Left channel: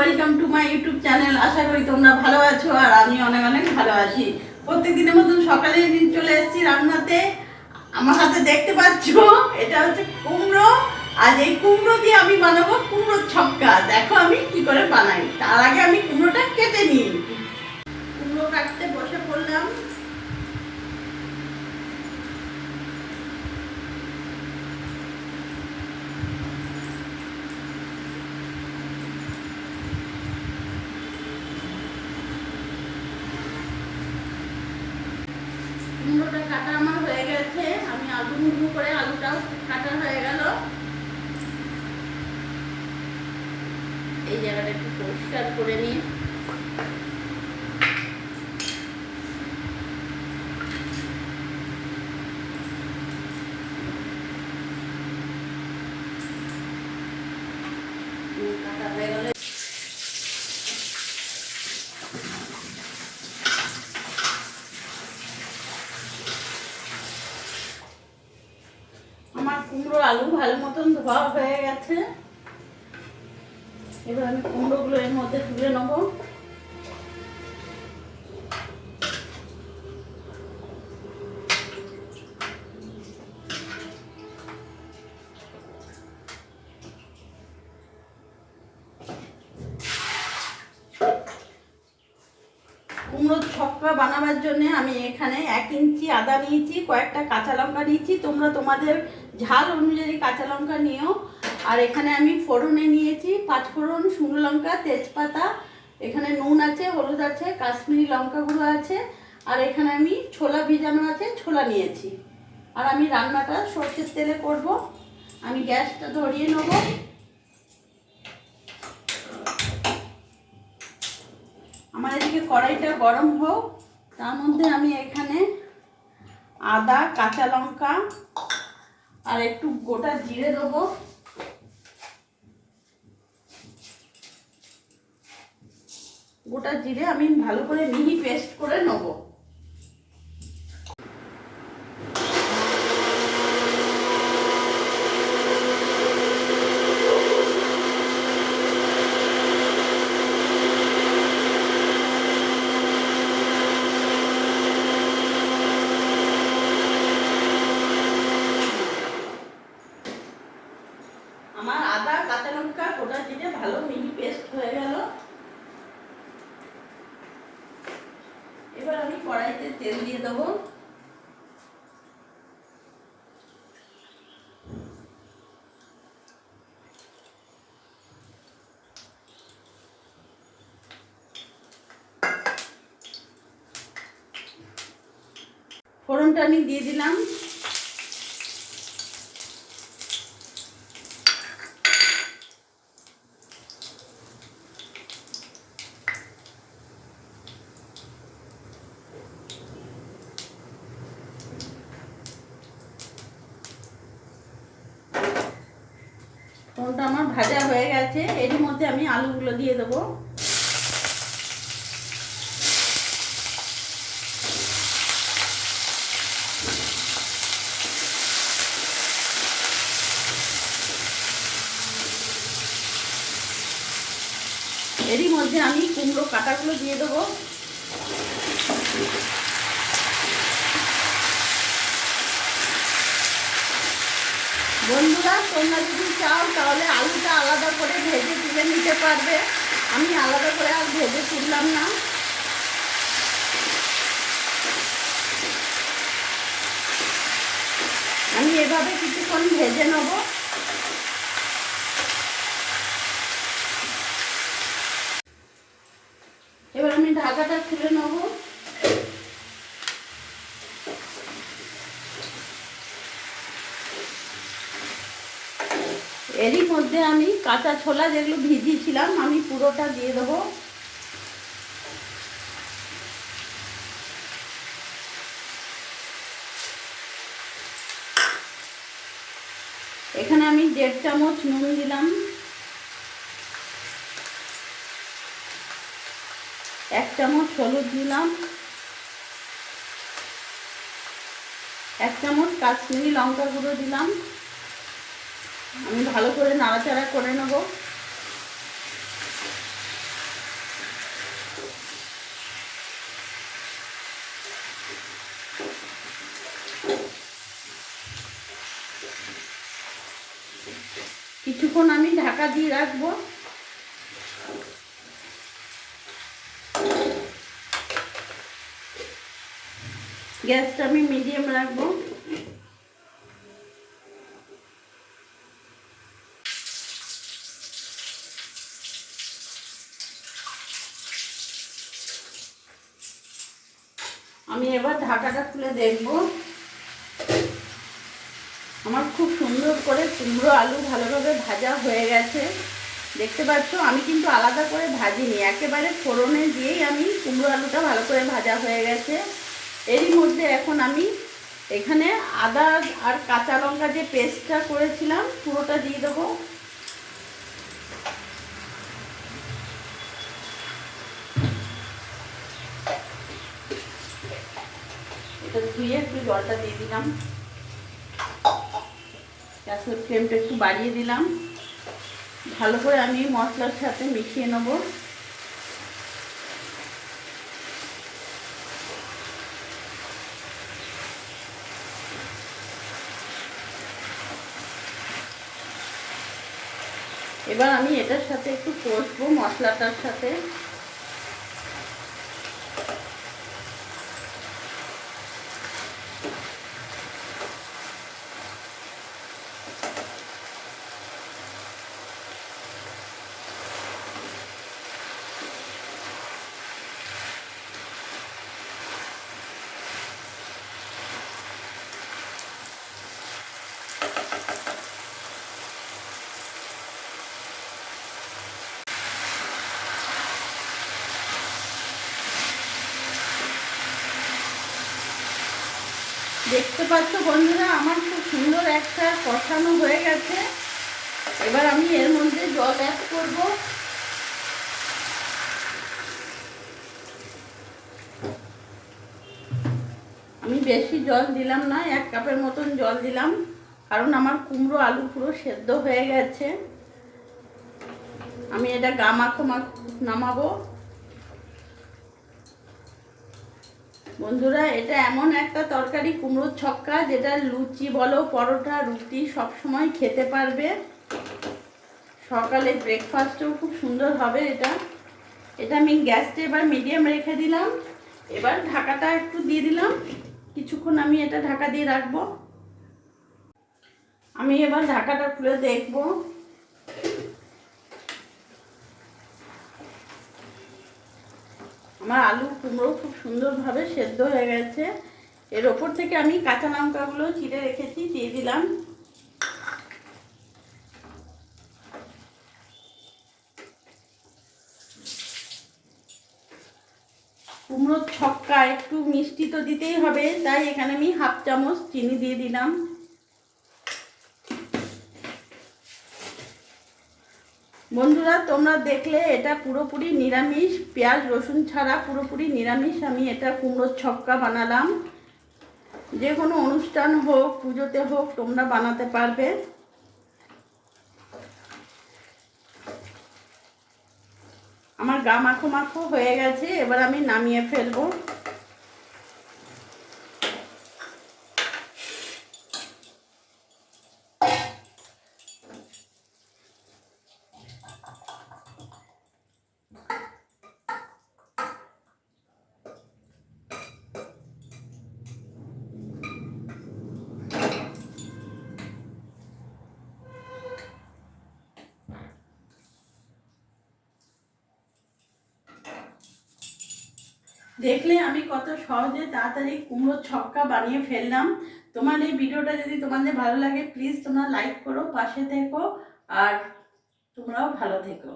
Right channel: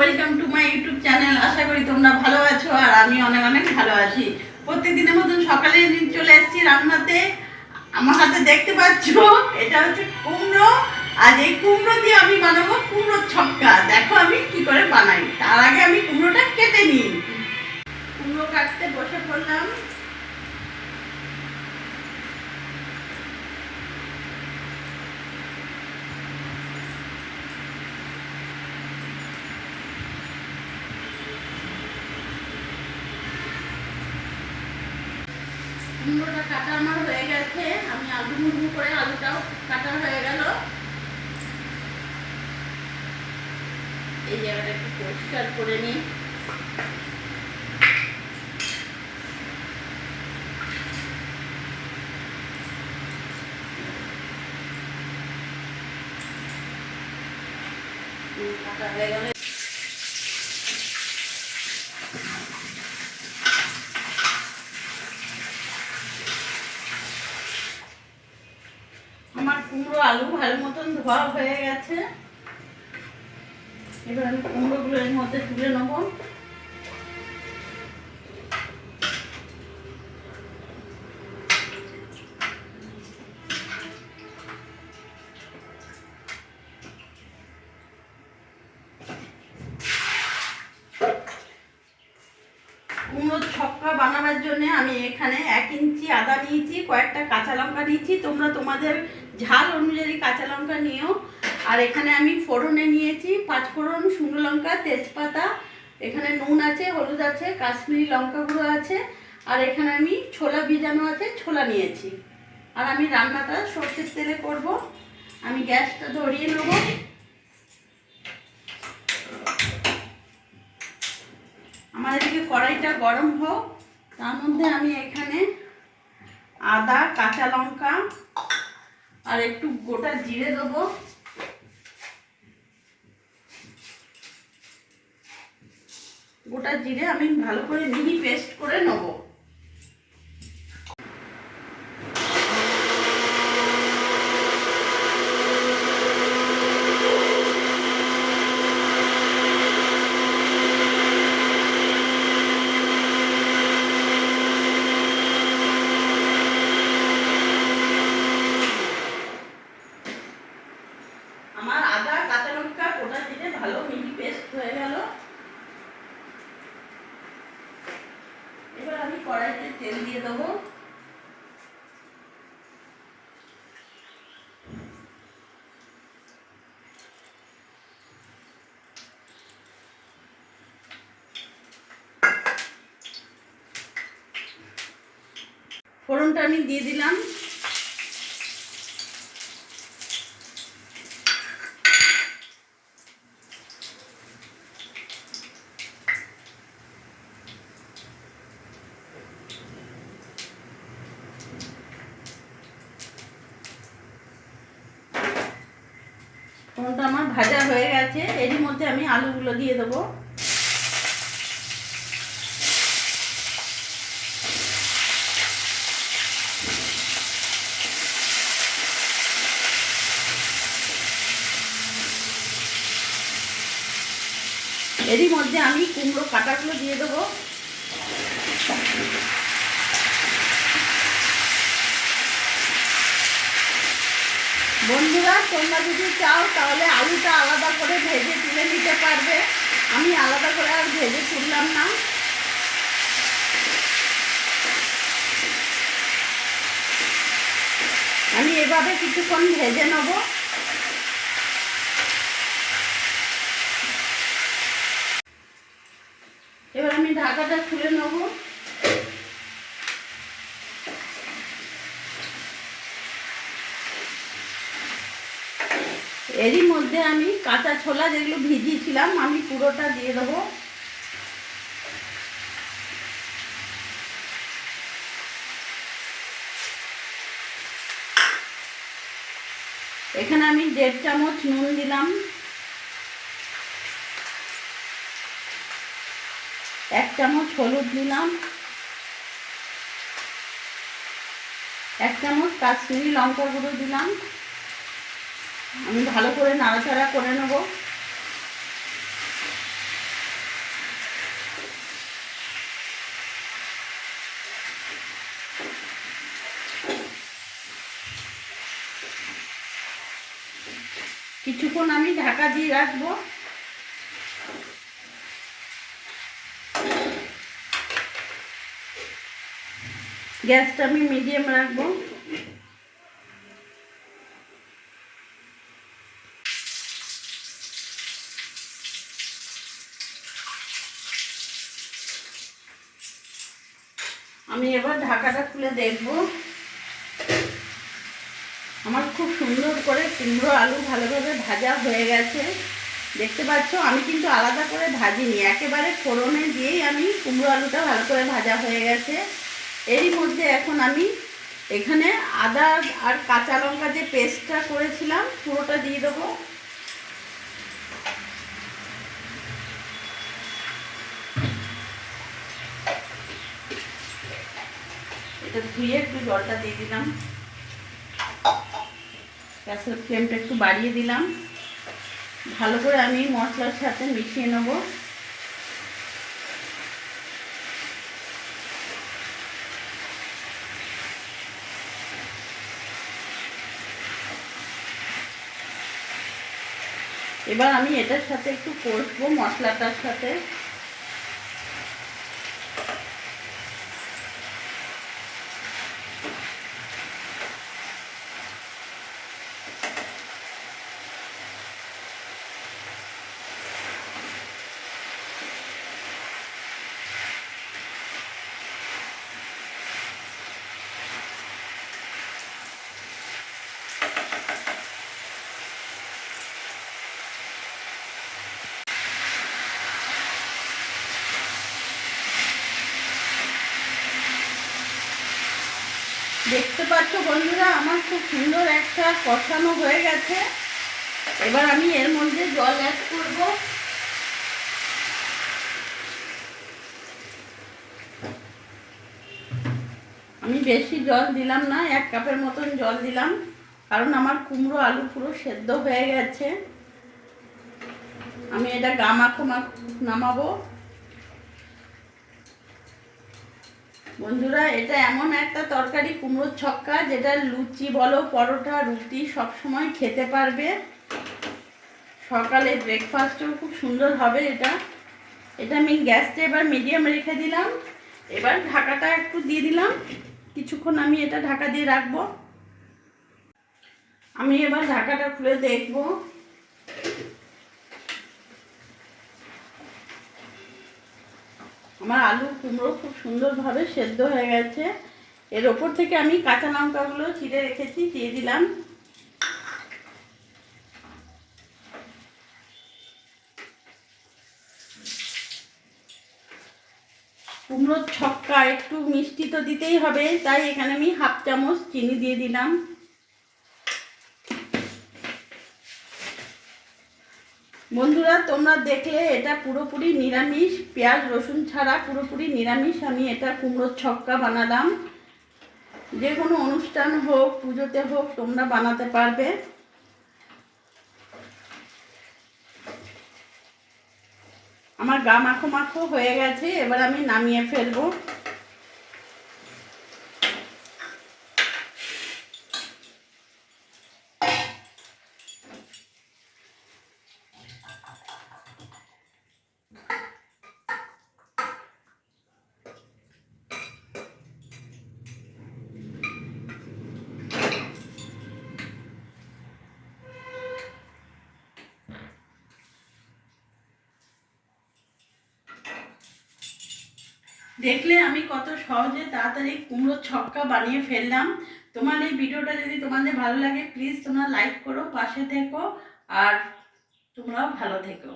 Welcome to my YouTube channel. আশা করি তোমরা ভালো আছো আর আমি অনেক অনেক ভালো আছি। প্রত্যেকদিনের মতন সকালে চলে এসেছি রান্নাতে। আমার হাতে দেখতে পাচ্ছ এটা হচ্ছে কুমড়ো, আর এই কুমড়ো দিয়ে আমি বানাবো কুমড়োর ছক্কা। দেখো আমি কি করে বানাই। তার আগে আমি কুমড়োটা কেটে নিই। কুমড়ো কাটতে বসে পড়লাম। কুমড়োটা কাটা আমার হয়ে গেছে। আমি আলু মুড়মু করে আলুটাও কাটা হয়ে গেল। এই জায়গাটা একটু পরিষ্কার করে নিই। কাটা হয়ে গেলে আমার কুমড়ো আলু ভালো মতন ধোয়া হয়ে গেছে। এবার আমি কুমড়োগুলো এর মধ্যে তুলে নেবো। কুমড়োর ছক্কা বানাবার জন্য আমি এখানে 1 ইঞ্চি আদা নিয়েছি, কয়েকটা কাঁচা লঙ্কা নিয়েছি। তোমরা তোমাদের ঝাল অনুযায়ী কাঁচা লঙ্কা নিও। আর এখানে আমি ফোড়নে নিয়েছি 5 ফোড়ন, শুকনো লঙ্কা, তেজপাতা। এখানে নুন আছে, হলুদ আছে, কাশ্মীরি লঙ্কা গুঁড়ো আছে। আর এখানে আমি ছোলা ভিজানো আছে, ছোলা নিয়েছি। আর আমি রান্নাটা সর্ষের তেলে করব। আমি গ্যাসটা ধরিয়ে নেবো। আমার এদিকে কড়াইটা গরম হোক। তার মধ্যে আমি এখানে আদা, কাঁচা লঙ্কা আর একটু গোটা জিরে দেবো। গোটা জিরে আমি ভালো করে মিহি পেস্ট করে নেব। আমার আদা, কাঁচা লঙ্কা, গোটা জিরে ভালো মিহি পেস্ট হয়ে গেল। এবার আমি কড়াইতে তেল দিয়ে দেবো। ফোড়নটা আমি দিয়ে দিলাম। ফোড়নটা আমার ভাজা হয়ে গেছে। এরই মধ্যে আমি আলুগুলো দিয়ে দেবো। এরই মধ্যে আমি কুমড়ো কাটাগুলো দিয়ে দেবো। বন্ধুরা, তোমরা যদি চাও তাহলে আলুটা আলাদা করে ভেজে তুলে নিতে পারবে। আমি আলাদা করে আর ভেজে তুললাম না। আমি এভাবে কিছুক্ষণ ভেজে নেব। এবার আমি ঢাকাটা খুলে নেব। এরই মধ্যে আমি কাঁচা ছোলা যেগুলো ভিজিয়েছিলাম আমি পুরোটা দিয়ে দেবো। এখানে আমি 1.5 চামচ নুন দিলাম, 1 চামচ হলুদ দিলাম, 1 চামচ কাশ্মীরি লঙ্কা গুঁড়ো দিলাম। আমি ভালো করে নাড়াচাড়া করে নেব। কিছুক্ষণ আমি ঢাকা দিয়ে রাখবো। গ্যাসটা আমি মিডিয়াম রাখবো। আমি এবার ঢাকাটা খুলে দেখব। আমার খুব সুন্দর করে কুমড়ো আলু ভালোভাবে ভাজা হয়ে গেছে। দেখতে পাচ্ছ আমি কিন্তু আলাদা করে ভাজিনি, একেবারে ফোড়নে দিয়েই আমি কুমড়ো আলুটা ভালো করে ভাজা হয়ে গেছে। এরই মধ্যে এখন আমি এখানে আদা আর কাঁচা লঙ্কা যে পেস্টটা করেছিলাম পুরোটা দিয়ে দেবো। এটা ধুয়ে একটু জলটা দিয়ে দিলাম, গ্যাসের ফ্লেমটা একটু বাড়িয়ে দিলাম। ভালো করে আমি মশলার সাথে মিশিয়ে নেব। এবার আমি এটার সাথে একটু কষবো মশলাটার সাথে। দেখতে পাচ্ছ বন্ধুরা আমার খুব সুন্দর একটা কষানো হয়ে গেছে। এবার আমি এর মধ্যে জল অ্যাড করব। আমি বেশি জল দিলাম না, 1 কাপের মতন জল দিলাম, কারণ আমার কুমড়ো আলু পুরো সেদ্ধ হয়ে গেছে। আমি এটা গামাখো নামাবো। বন্ধুরা এটা এমন একটা তরকারি কুমড়োর ছক্কা যেটা লুচি বলো পরোটা রুটি সব সময় খেতে পারবে। সকালে ব্রেকফাস্টেও খুব সুন্দর হবে এটা। এটা আমি গ্যাসটা এবার মিডিয়াম রেখে দিলাম। এবার ঢাকাটা একটু দিয়ে দিলাম, কিছুক্ষণ আমি এটা ঢাকা দিয়ে রাখবো। আমি এবার ঢাকাটা খুলে দেখব। আমার আলু কুমড়ো খুব সুন্দরভাবে সেদ্ধ হয়ে গেছে। এর ওপর থেকে আমি কাঁচা লঙ্কাগুলো চিড়ে রেখেছি দিয়ে দিলাম। কুমড়োর ছক্কা একটু মিষ্টি তো দিতেই হবে, তাই এখানে আমি 1/2 চামচ চিনি দিয়ে দিলাম। বন্ধুরা তোমরা দেখলে এটা পুরোপুরি নিরামিষ, পেঁয়াজ রসুন ছাড়া পুরোপুরি নিরামিষ আমি এটা কুমড়োর ছক্কা বানালাম। যে কোনো অনুষ্ঠান হোক পুজোতে হোক তোমরা বানাতে পারবে। আমার গা মাখো মাখো হয়ে গেছে, এবার আমি নামিয়ে ফেলবো। দেখলে আমি কত সহজে তাড়াতাড়ি কুমড়োর ছক্কা বানিয়ে ফেললাম। তোমার এই ভিডিওটা যদি তোমাদের ভালো লাগে প্লিজ তোমরা লাইক করো, পাশে থেকো, আর তোমরাও ভালো থেকো।